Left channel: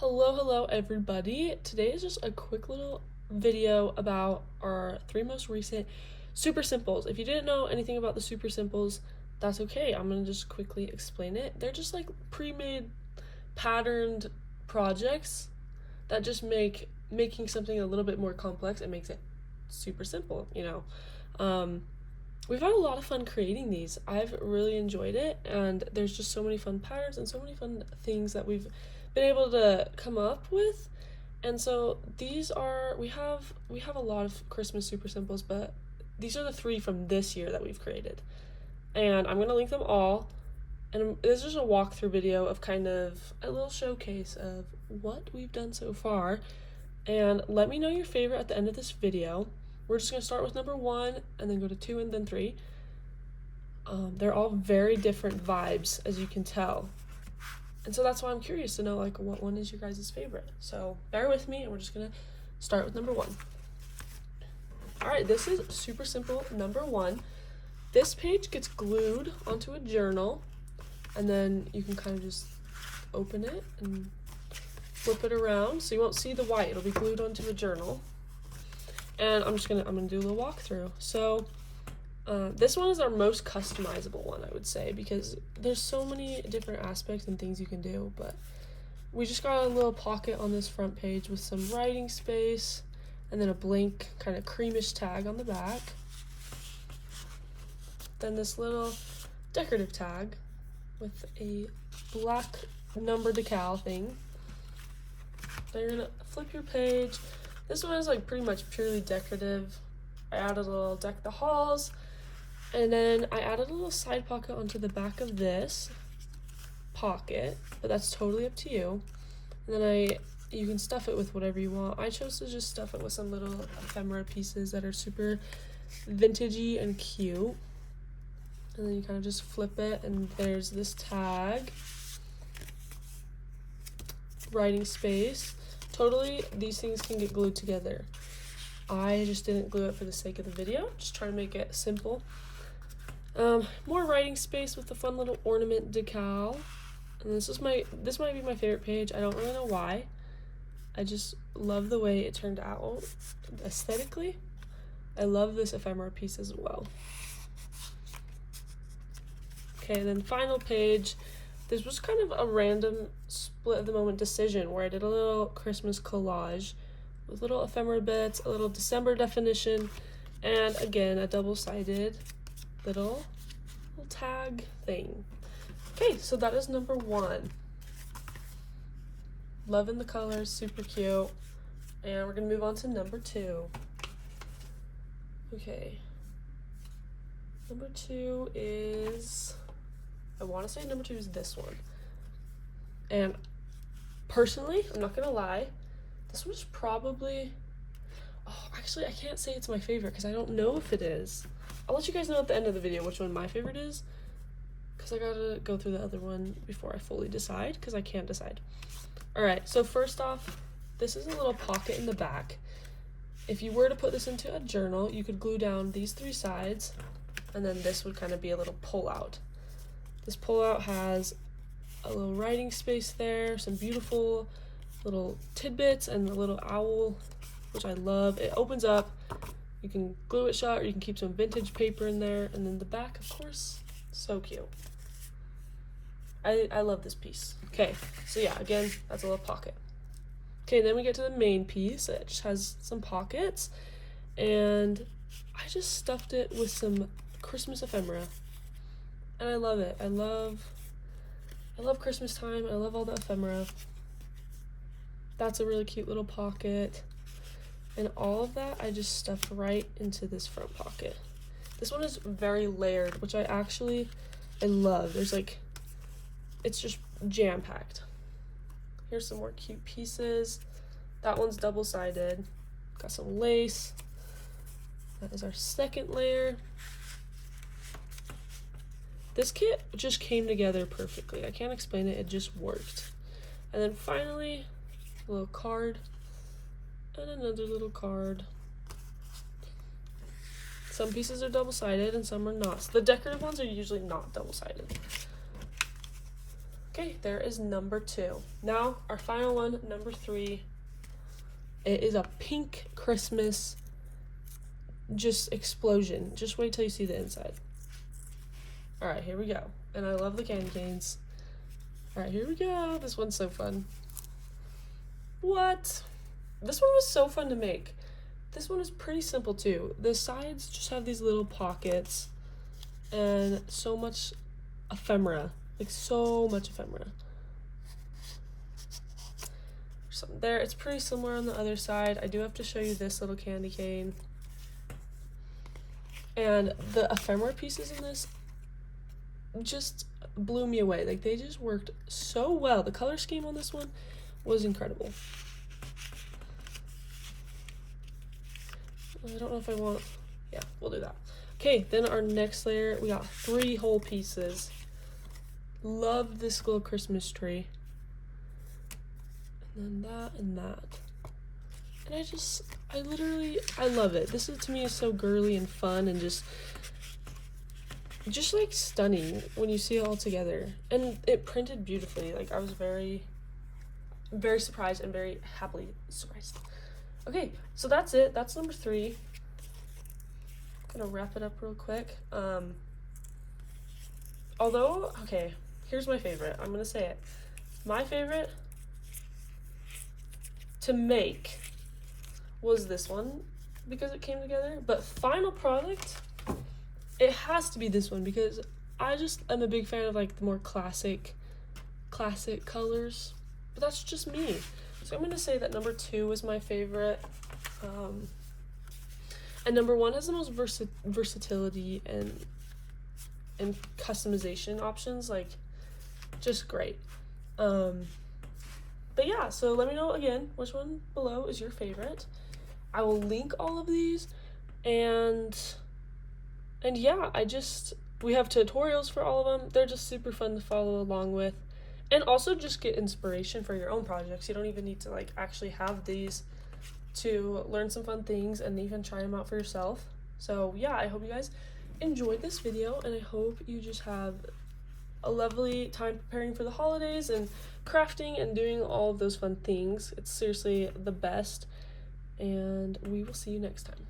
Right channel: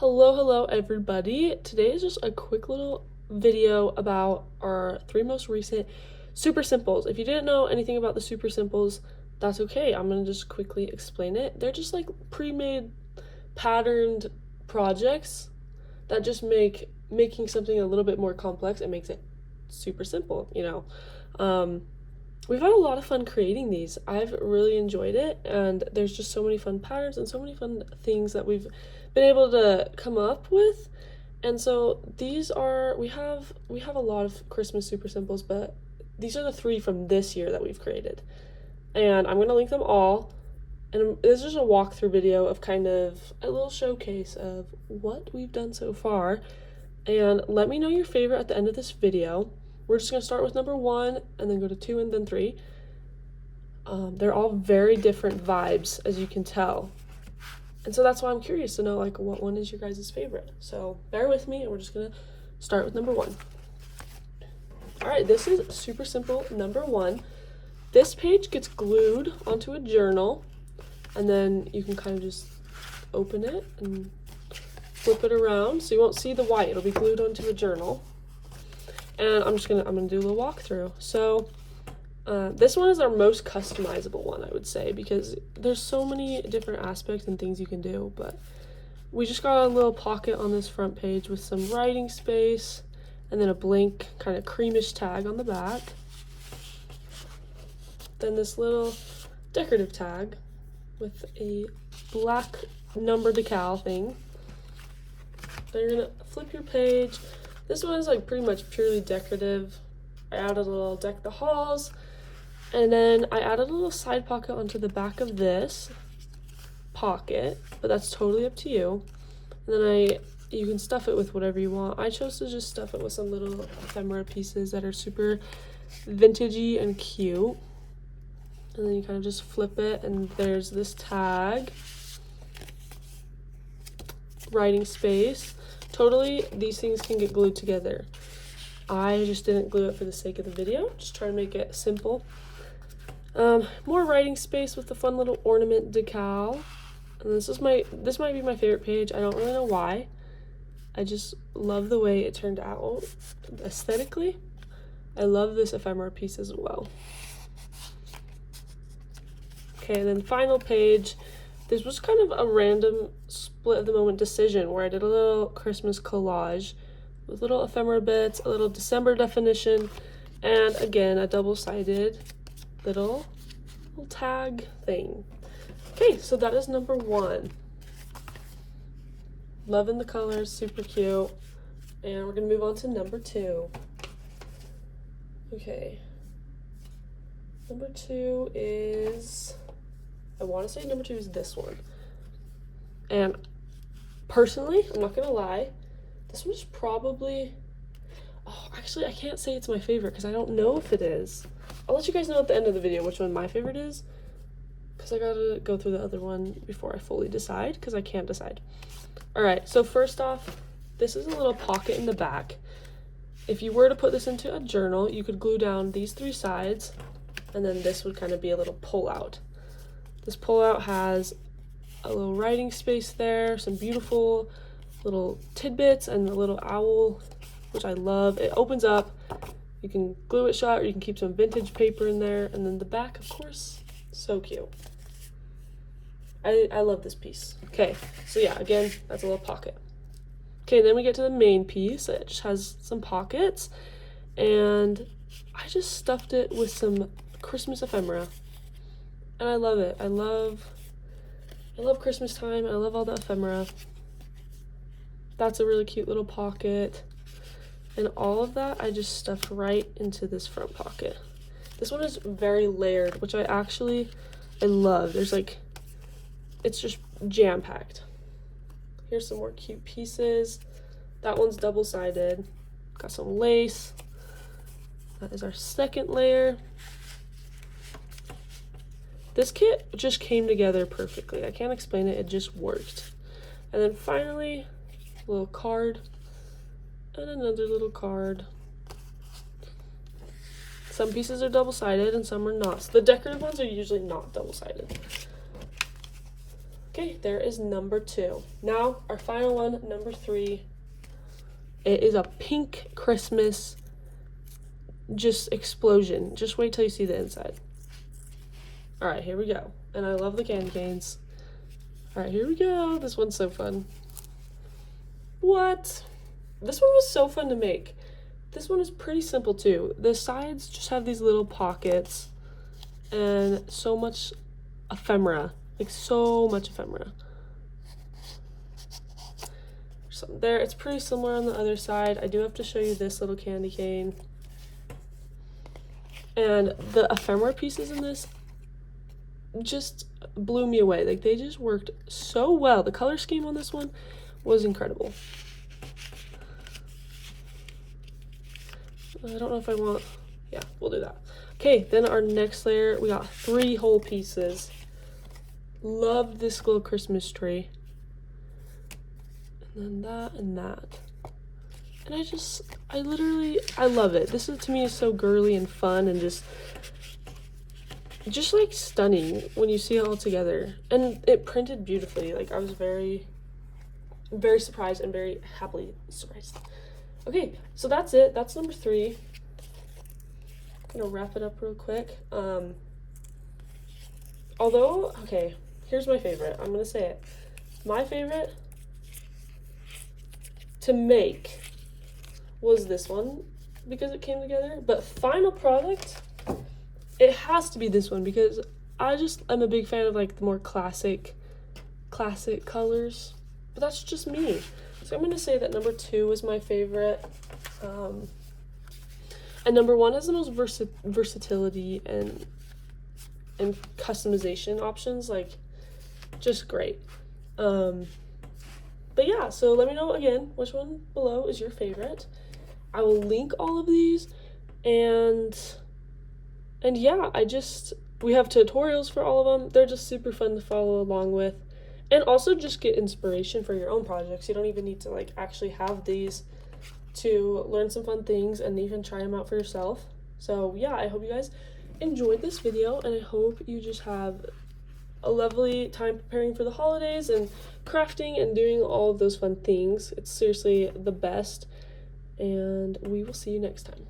Hello everybody. Today is just a quick little video about our three most recent super simples. If you didn't know anything about the super simples, that's okay. I'm gonna just quickly explain it. They're just like pre-made patterned projects that just making something a little bit more complex and makes it super simple. We've had a lot of fun creating these. I've really enjoyed it, and there's just so many fun patterns and so many fun things that we've been able to come up with. And so these are we have a lot of Christmas super simples, but these are the three from this year that we've created. And I'm gonna link them all. And this is just a walkthrough video of kind of a little showcase of what we've done so far. And let me know your favorite at the end of this video. We're just gonna start with number 1 and then go to 2 and then 3. They're all very different vibes, as you can tell. And so that's why I'm curious to know, like, what one is your guys' favorite. So bear with me, and we're just gonna start with number 1. All right, this is super simple. Number 1, this page gets glued onto a journal, and then you can kind of just open it and flip it around, so you won't see the white. It'll be glued onto a journal. And I'm gonna do a little walkthrough. So this one is our most customizable one, I would say, because there's so many different aspects and things you can do. But we just got a little pocket on this front page with some writing space, and then a blank kind of creamish tag on the back. Then this little decorative tag with a black number decal thing. Then you're gonna flip your page. This one is like pretty much purely decorative. I added a little deck the halls, and then I added a little side pocket onto the back of this pocket, but that's totally up to you. And then you can stuff it with whatever you want. I chose to just stuff it with some little ephemera pieces that are super vintagey and cute. And then you kind of just flip it, and there's this tag, writing space. Totally, these things can get glued together. I just didn't glue it for the sake of the video, just trying to make it simple. More writing space with the fun little ornament decal. And this might be my favorite page. I don't really know why. I just love the way it turned out aesthetically. I love this ephemera piece as well. Okay, and then final page. This was kind of a random split of the moment decision where I did a little Christmas collage with little ephemera bits, a little December definition, and again, a double-sided little tag thing. Okay, so that is number 1. Loving the colors, super cute. And we're gonna move on to number 2. Okay. Number 2 is, I want to say number 2 is this one. And personally, I'm not gonna lie, this one is probably, actually I can't say it's my favorite because I don't know if it is. I'll let you guys know at the end of the video which one my favorite is, because I gotta go through the other one before I fully decide, because I can't decide. Alright, so first off, this is a little pocket in the back. If you were to put this into a journal, you could glue down these 3 sides, and then this would kind of be a little pull-out. This pull-out has a little writing space there, some beautiful little tidbits, and a little owl, which I love. It opens up, you can glue it shut, or you can keep some vintage paper in there, and then the back, of course, so cute. I love this piece. Okay, so yeah, again, that's a little pocket. Okay, then we get to the main piece. It just has some pockets, and I just stuffed it with some Christmas ephemera. And I love it. I love Christmas time. I love all the ephemera. That's a really cute little pocket. And all of that I just stuffed right into this front pocket. This one is very layered, which I love. There's like, it's just jam-packed. Here's some more cute pieces. That one's double-sided. Got some lace. That is our second layer. This kit just came together perfectly. I can't explain it, it just worked. And then finally, a little card, and another little card. Some pieces are double-sided and some are not. So the decorative ones are usually not double-sided. Okay, there is number 2. Now, our final one, number 3. It is a pink Christmas just explosion. Just wait till you see the inside. Alright, here we go. And I love the candy canes. Alright, here we go. This one's so fun. What? This one was so fun to make. This one is pretty simple too. The sides just have these little pockets and so much ephemera. Like so much ephemera. Something there. It's pretty similar on the other side. I do have to show you this little candy cane. And the ephemera pieces in this just blew me away. Like they just worked so well. The color scheme on this one was incredible. I don't know if I want, yeah, we'll do that. Okay, then our next layer, we got 3 whole pieces. Love this little Christmas tree. And then that and that. And I love it. This is, to me, is so girly and fun and just like stunning when you see it all together. And it printed beautifully. Like I was very, very surprised and very happily surprised. Okay, so that's it. That's number 3. I'm gonna wrap it up real quick. Although, okay, here's my favorite. I'm gonna say it. My favorite to make was this one because it came together. But final product, it has to be this one because I'm a big fan of like the more classic colors. But that's just me. So I'm gonna say that number 2 was my favorite, and number 1 has the most versatility and customization options, like just great. But yeah, so let me know again which one below is your favorite. I will link all of these, and yeah, we have tutorials for all of them. They're just super fun to follow along with. And also just get inspiration for your own projects. You don't even need to like actually have these to learn some fun things and even try them out for yourself. So yeah, I hope you guys enjoyed this video, and I hope you just have a lovely time preparing for the holidays and crafting and doing all of those fun things. It's seriously the best, and we will see you next time.